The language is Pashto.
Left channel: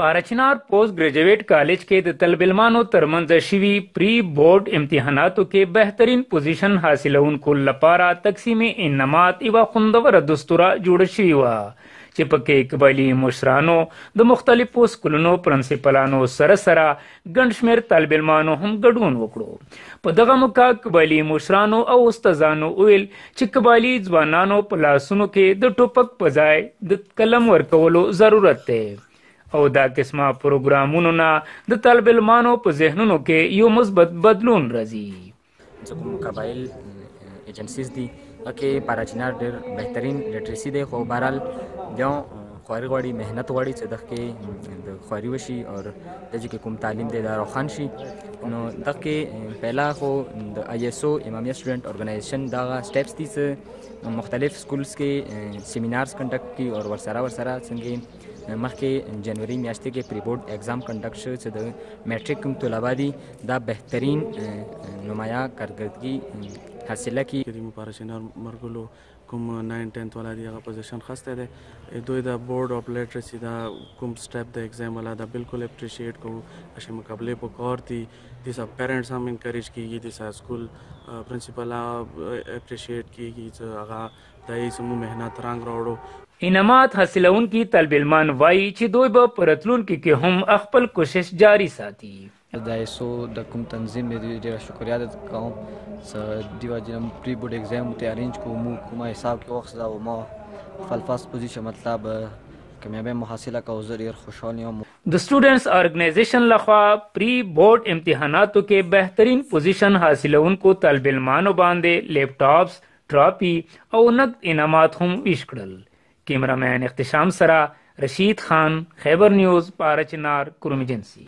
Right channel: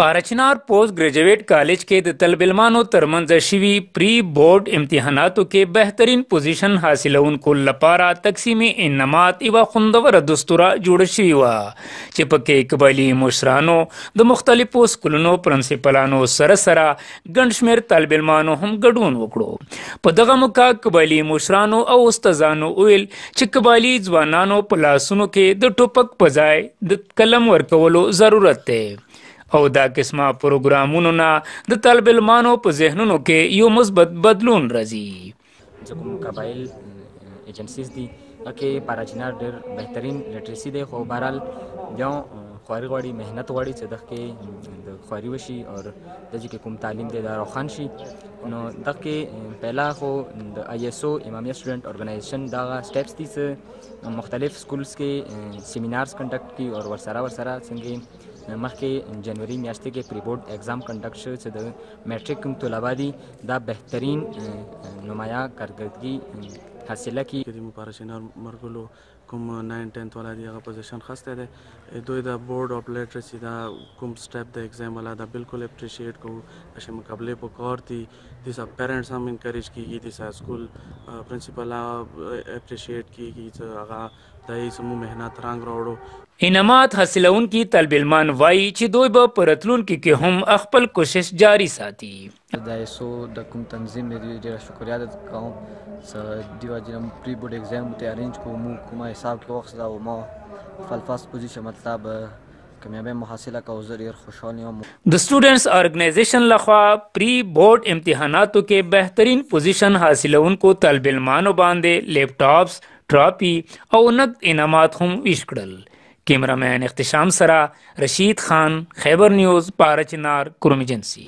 پارچنار پوسٹ گریجویٹ کالج کې د طالب علمانو ترمنځ شوي پری بورډ امتحاناتو کې بهترین پوزیشن حاصلونکو لپاره تقسیم انعامات یوه خوندوره دستوره جوړه شوې وه چې پکې قبایلي مشرانو د مختلفو سکولونو پرنسپلانو سره ګڼ شمېر طالب علمانو هم ګډون وکړو. په دغه موقع قبایلي مشرانو او استادانو ویل چې قبایلي ځوانانو په لاسونو کې د ټوپک په ځای د قلم ورکولو ضرورت دی او دا قسمه پروګرامونو نه د طالب علمانو په ذهنونو کې یو مثبت بدلون راځي. کوم قبایل ایجنسیز دي کې پاراچینار ډېر بهترین لټریسي دی، خو بهرحال بیا خواري غواړي، محنت غواړي چې دغه کې د خواري وشي او دغه کې کوم تعلیم دی دا روښان شي. نو دغه کې پهلا خو د ISO امامیه سټوډنټ ارګنایزیشن دغه سټیپس دي چې مختلف سکولز کې سیمینارز کنډکټ کړي او ورسره څنګه مخکې جنوري میاشتې کې پری بورډ ایگزام کنډکټ شو چې د میټریک کوم طلبه دي دا بهترین نمایاں کارکردګي حاصله کړي. د پارچینار مرګلو کوم 9-10 والا دی هغه پوزیشن خسته ده دوی د بورډ اف لیټرسي دا کوم سټیپ د ایگزام والا دا بالکل اپریشیټ کوو چې مقابله په کار دي د سب پیرنټس هم انکریج کیږي د سکول پرنسپل اپریشیټ کیږي چې هغه دای سمو مهنت رنګ راوړو. انعامات حاصلونکي طالب علمان وایي چې دوی به په راتلونکي کې هم خپل کوشش جاري ساتي. د ISO د کوم تنظیم دی ډېره شکریا ده کوم چې دیو جنم پری بورډ ایگزام ته ارینج کوم کومه حساب کې وخت دا ما فلفاست پوزیشن مطلب کامیابی محاصله کو ډېر خوشحال یم. د سټوډنټس ارګنایزیشن لخوا پری بورډ امتحاناتو کې بهترین پوزیشن حاصلونکو طالب علمانو باندې لیپټاپس، ټراپی او نقد انعامات هم ویش کړل. کیمرامین اختشام سره رشید خان، خیبر نیوز، پارچنار، کروم ایجنسی.